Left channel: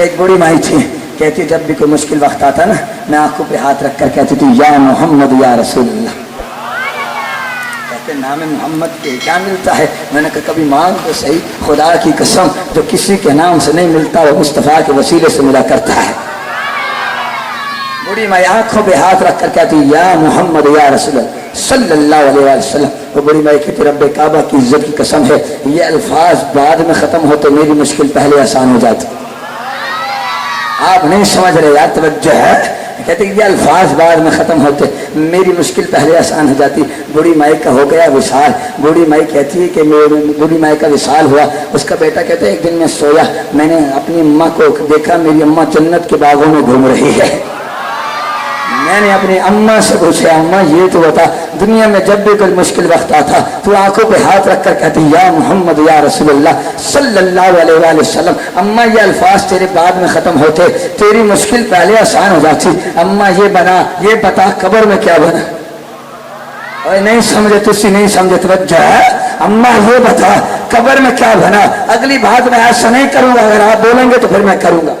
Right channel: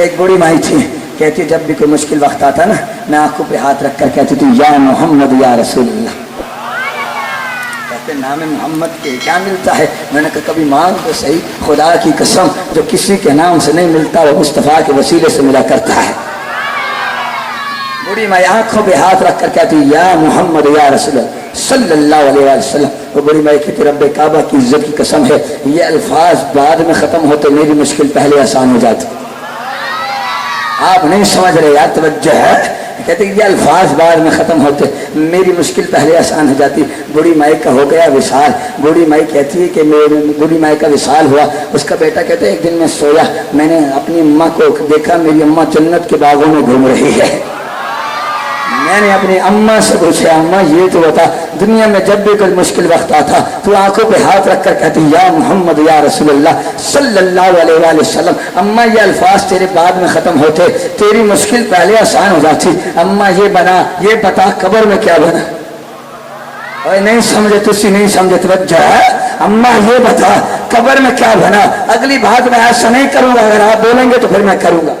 ایک بوڑھی مائی تھی، کہتی جب بھی کوئی مشکل وقت آتا نا میں آنکھوں پہ ہاتھ رکھ کر کہتی تھی یا محمد یا رسول اللہ. کہتے نام محمد کے کیا ملتا ہے؟ میں نے کہا کبھی مانگ تو صحیح، خدا کی قسم جو کسی کے نام سے نہیں ملتا وہ مصطفیٰ کے وسیلے سے ملا کرتا ہے. بوڑھی مائی آنکھوں پہ ہاتھ رکھ کر کہتی یا محمد یا رسول اللہ صلی اللہ علیہ وسلم. وہ بڑی مائی کہتی رب کعبہ کی عزت کی قسم ہے یہ الفاظ بعد میں ختم ہوتے میری مشکل پہلے آسان ہو جاتی. آپ نہیں سمجھ رہے یار، توجہ ہے. کہتے یہ الفاظ بعد میں ختم ہوتے میری مشکل پہلے آسان ہو جاتی. بوڑھی مائی کا ہو گیا وصال. بوڑھی مائی کہتی ہے کہ بوڑھی مائی کا وصال ہوا. اس کا بیٹا کہتے ایک دن میں سویا، میں نے اپنی اماں کو دیکھا، میری اماں جنت کے باغوں میں گھوم رہی ہے. میں نے اپنی اماں سے پوچھا اماں یہ تو بتا دنیا میں جب بھی کوئی مشکل وقت آتا تو آنکھوں پہ ہاتھ رکھ کر کہتی یا محمد یا رسول اللہ صلی اللہ علیہ وآلہ وسلم. اماں یہ الفاظ تیرے بعد میں ختم ہوتے تیری مشکل پہلے آسان ہو جاتی. اماں یہ بنا یہ بتا قبر میں کیا بنا؟ اور نہیں سمجھے تجھے نہیں سمجھے توجہ ہے. اماں یہ بتا قبر میں کیا بنا؟ اگلی بات میں ایسا نہیں کروں گا، اگر آپ بولیں گے تو پھر میں کروں گا.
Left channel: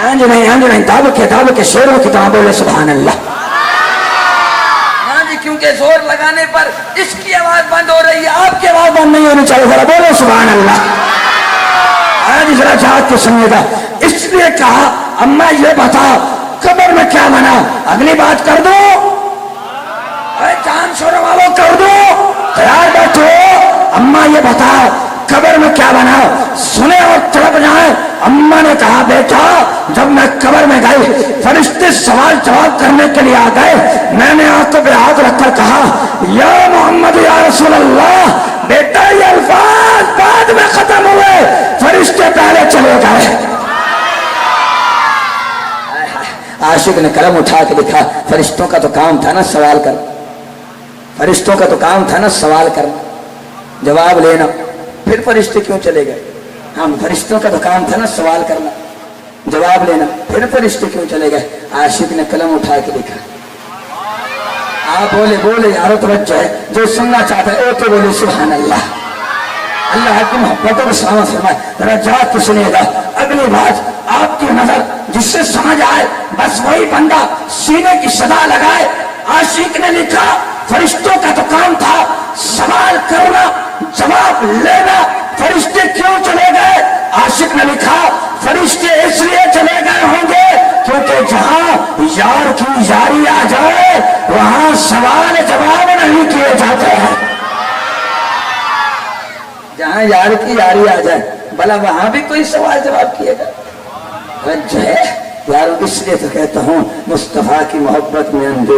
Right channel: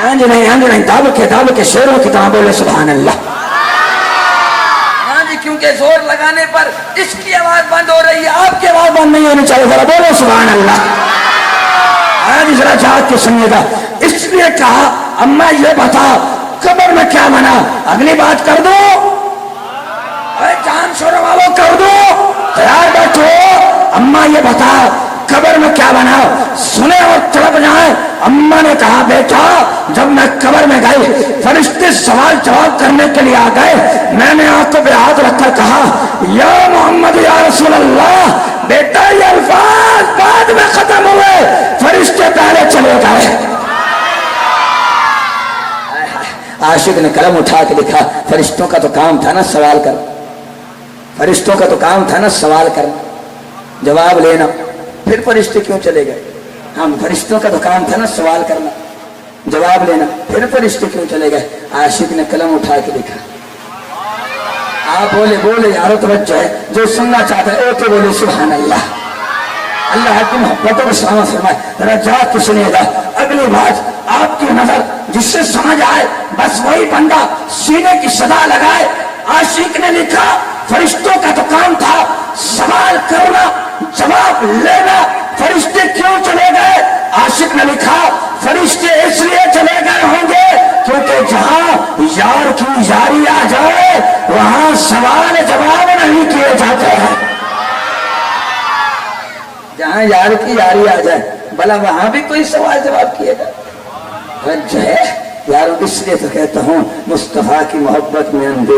نہیں داب کے شیروں کی طرح بولے سبحان اللہ. ہاں جی کیونکہ زور لگانے پر اس کی آواز بند ہو رہی ہے، آپ کی آواز بند نہیں ہونی چاہیے. ذرا بولے سبحان اللہ. ہاں جی ذرا چاہت کے سنیے گا. اس لیے کہا اماں یہ بتا قبر میں کیا بنا؟ اگلی بات کر دو، جان سونے والوں کر دو، تیار بیٹھو. اماں یہ بتا قبر میں کیا بنا؟ سنے اور تڑپ جائے. اماں نے کہا بیٹا جب میں قبر میں گئی فرشتے سوال جواب کرنے کے لیے آ گئے، میں نے آنکھوں پہ ہاتھ رکھ کر کہا یا محمد یا رسول اللہ. بیٹا یہ الفاظ بعد میں ختم ہوئے، فرشتے پہلے چلے گئے. عاشق نے قلم اٹھا کے لکھا فرشتوں کا تو کام تھا نا سوال کر، فرشتوں کا تو کام تھا نا سوال کرنا جواب لینا، پھر فرشتے کیوں چلے گئے؟ ہم فرشتوں کا تو کام تھا نا سوال کرنا جواب لینا، پھر فرشتے کیوں چلے گئے؟ عاشق نے قلم اٹھا کے لکھا. آپ بولے یارو توجہ ہے، جو سننا چاہتا ہے وہ تو بولے سبحان اللہ. اللہ کی محبتوں کو سلام فرمائے. ذرا جا کے سنیے گا اگلی بات آپ کی نظر جس سے سمجھ آئے بس وہی بندہ سینے کی صدا لگائے. عاشق نے لکھا فرشتوں کا تو کام تھا سوال کرنا جواب لینا، فرشتے کیوں چلے گئے؟ عاشق نے لکھا فرشتے اس لیے چلے گئے ہوں گے کیونکہ جہاں یار کی یاری آ جائے وہاں سوال جواب نہیں کیے جاتے ہیں. جہاں یار کی یاری آ جائے بھلا وہاں بھی کوئی سوال جواب کیے گا؟ جو ہے یار اس لیے تو کہتا ہوں مصطفیٰ کی محبت میں اندھے